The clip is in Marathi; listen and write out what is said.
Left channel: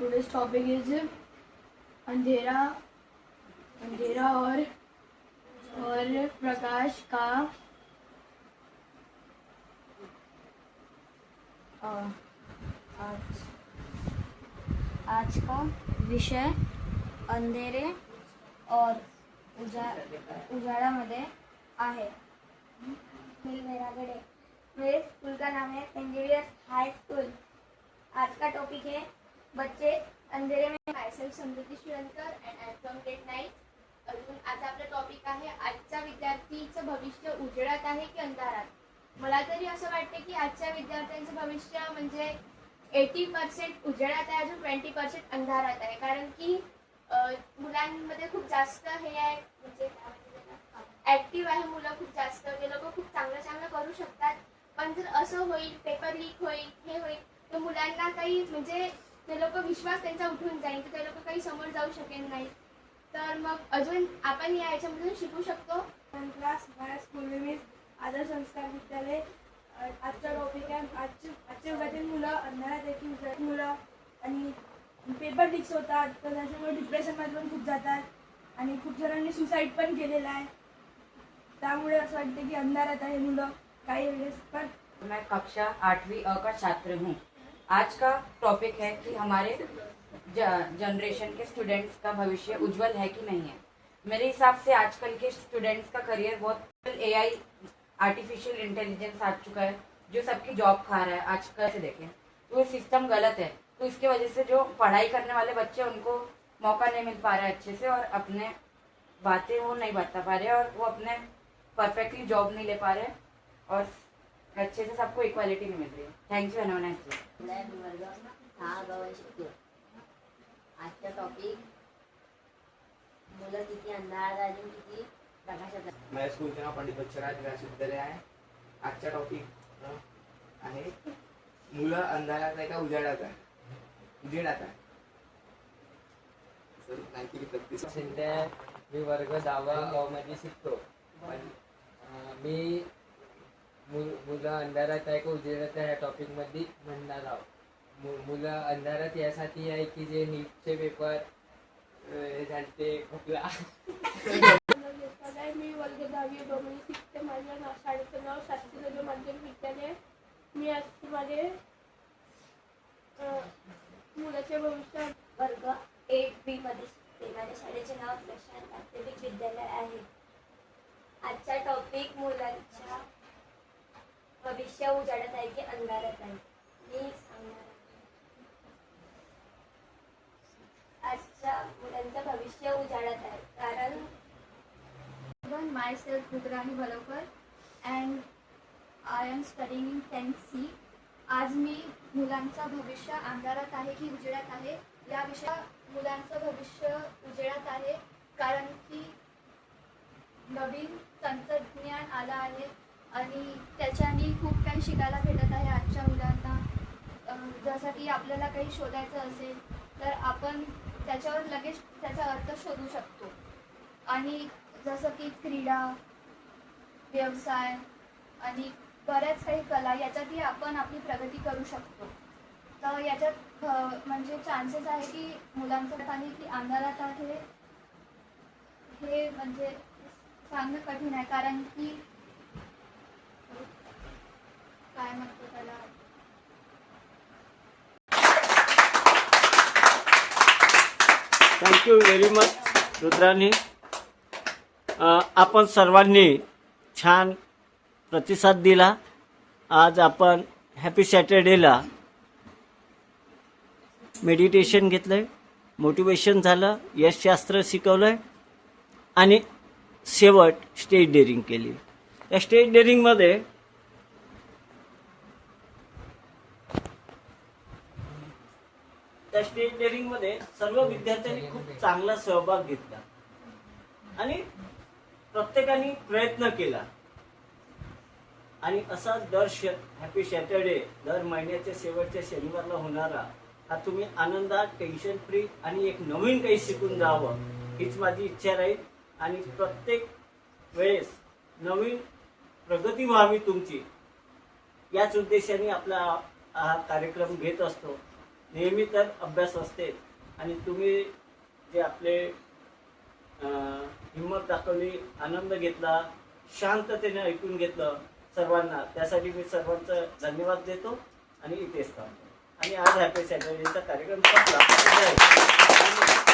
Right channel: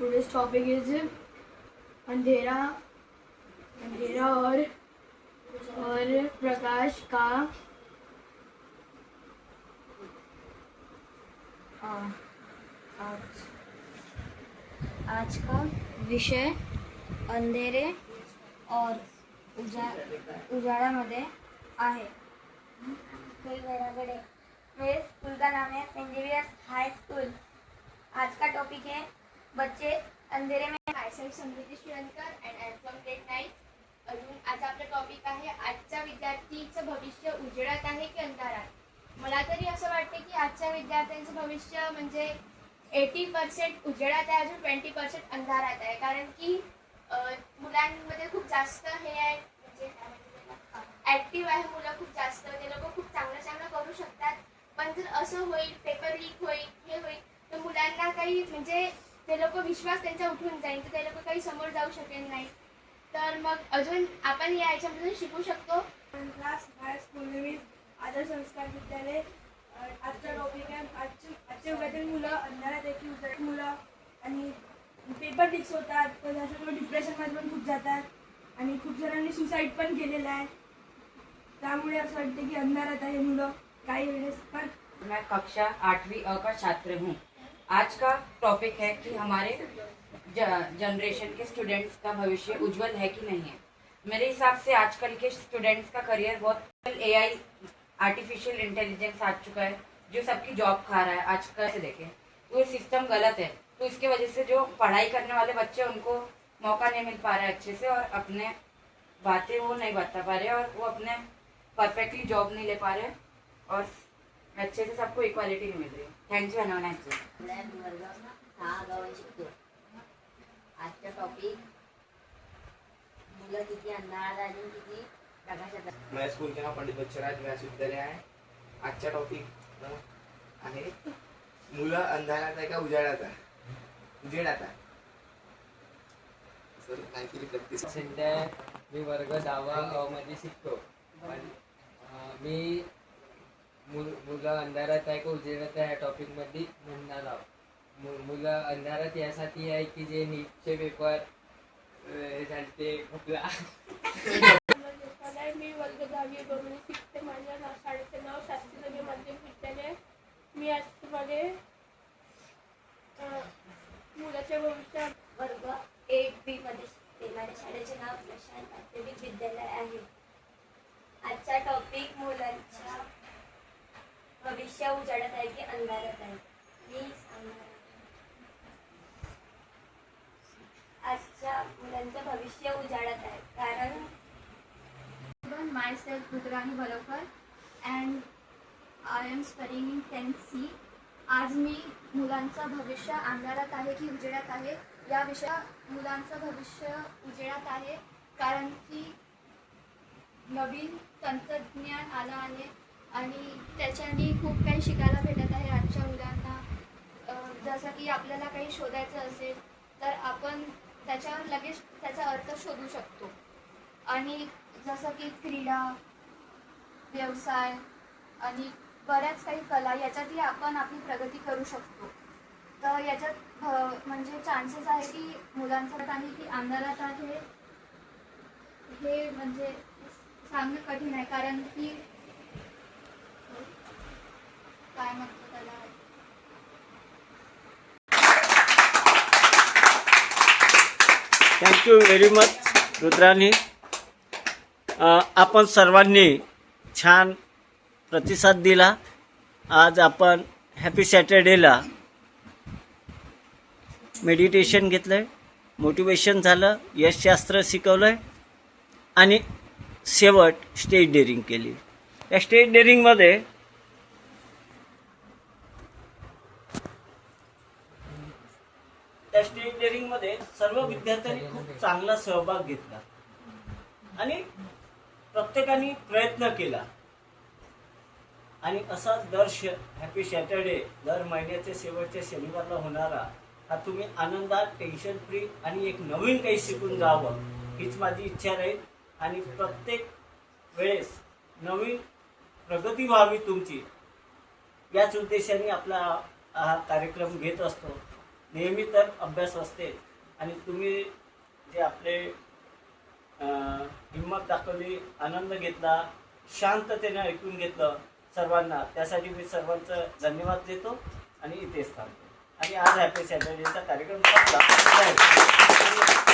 today's topic is अंधेरा अंधेरा और प्रकाश का आज का विषय अंधेरे और उजाड़ामध्ये आहे। मेरे स्कूल का नाम है सेंट जेवियर्स हाई स्कूल। आज का टॉपिक है बच्चे अंधेरे में। Myself Samruddhi Shivankar and I from grade 9। अजून आज आपला टॉपिक आहे आजच्या विद्यार्थीचं भविष्य उजेडात आहे की अंधारात। मला तरी असं वाटतं की आजच्या विद्यार्थ्यांचं भविष्य म्हणजे 80% उजेडात आहे, अजून 20% अंधारात आहे। कारण की मुलांमध्ये खूप जास्त हे आहे, म्हणजे ऍक्टिव्ह आहे मुलं खूप जास्त, ते लोक खूप चांगलं करू शकतात। पण जर असं होईल, पेपर लीक होईल, हे होईल, तर मुलांना काही म्हणजे ते लोक विश्वास त्यांचा उठून जाईल, तर ते लोक काही समोर जाऊ शकेल नाही। तर मग अजून आपण या याच्यामधून शिकू शकतो। क्लास स्कूल नेम आदर्श संस्कार विद्यालय। आजचा टॉपिक आहे आजच्या युगातील मुलं अंधारात येतील, उजाड मुलं आणि पेपर लीक्स होतात, तर त्याच्यामुळे डिप्रेशनमध्ये पण खूप जातात आणि खूप जणांनी सुसाईड पण केलेलं आहे। त्यामुळे असं वाटतं की अंधारात आहे मुलं काही वेळेस पण। मैं कक्षा 8वीं अ का छात्र हूँ। आज का टॉपिक है कि हमारे जनरेशन के स्टूडेंट्स का भविष्य उज्जवल है कि नहीं है। मेरे हिसाब से आजकल के स्टूडेंट्स का करियर बहुत एआई आर्टिफिशियल इंटेलिजेंस आ चुका है, जो सबकी जॉब खा रहा है। आज कैसे देखें तो ये सिस्टम गलत है, तो इसके वजह से जो पढ़ाई करने वाले बच्चे उनको मौका नहीं मिल पा रहा है अच्छे से, और अपने बातें वो नहीं बता पा रहे, और वो अपने परफेक्टली जॉब नहीं ले पा रहे, और अच्छे से सबको इक्वालिटी नहीं मिल रही है। थैंक यू एंड वर्ग 6 शिकतो। आजचा टॉपिक मुलं किती अंधारात अजून किती प्रकाशात। मेरा स्कूल के नाम पंडित बच्चराज व्यास विद्यालय आहे। आजचा टॉपिक आहे मुलं अंधारात आहे का उजाडात आहे? उजेडात आहे। सर काहीतरी प्रॅक्टिस सध्या मी वर्ग 10 मध्ये शिकतो। मी मुलं अंधारात आहे का उजेडात आहे ह्या टॉपिक मध्ये म्हणणार आहोत। मुलं अंधारात यासाठी आहे की जे नीटचे पेपर झालते खोकला। मी वर्ग 10वी मध्ये शिकते। माझ्या शाळेचं नाव शास्त्री माध्यमिक विद्यालय। मी आज तुम्हाला मुलाचे भविष्य वर्ग 8B मध्ये शिकते। माझ्या शाळेचे नाव प्रशांत माध्यमिक विद्यालय आहे। आजचा टॉपिक मुलांच्या भविष्य उजाडत आहे की अंधारात आहे। मी सांगणार आजच्या मुलांचं भविष्य उजाडत आहे, कारण myself Rudrani बलवकर and I am studying 10th C। आज मी मुलांचं भविष्य अंधारात आहे की उजेडात आहे या विषयात। मुलांचं भविष्य उजेडात आहे कारण की नवीन तंत्रज्ञान आला आहे आणि त्याच्याने खूप काही शिकायला भेटत आहे आजच्या मुलांना। जसं की आपल्याला काही शोधायचं असेल तर आपण त्याच्यावर लगेच त्याचा अर्थ शोधू शकतो, आणि जसं की क्रीडा, व्यवसाय आणि बऱ्याच काही कला याच्यातही आपण आपली प्रगती करू शकतो। तर याच्यात म्हणजे चान्सेस आहे की मुलांचं आहे की अंधारात आहे हे म्हणजे सांगणं कठीण आहे, कारण की काय म्हणतो त्याला। Thank you very much Rudrani. आपण सर्वांनी छान प्रतिसाद दिला। आज आपण हॅपी सॅटर्डेला मेडिटेशन घेतलं, मोटिवेशन झालं, यशशास्त्र शिकवलं आणि शेवट स्टेज डेअरिंग केली। या स्टेज डेअरिंगमध्ये सर्व विद्यार्थ्यांनी खूप चांगला सहभाग घेतला आणि प्रत्येकाने प्रयत्न केला, आणि असा दर हॅपी सॅटर्डे दर महिन्याच्या शेवटच्या शनिवारला होणारा हा तुम्ही आनंदात, टेन्शन फ्री आणि एक नवीन काही शिकून जावं हीच माझी इच्छा राहील। आणि प्रत्येक वेळेस नवीन प्रगती व्हावी तुमची, याच उद्देशाने आपला हा कार्यक्रम घेत असतो। नेहमी तर अभ्यास असते आणि तुम्ही जे आपले हिंमत दाखवली, आनंद घेतला, शांततेने ऐकून घेतलं सर्वांना, त्यासाठी मी सर्वांचं धन्यवाद देतो आणि इथेच थांबतो. आणि आज हॅपी सॅटर्डेचा कार्यक्रम संपला.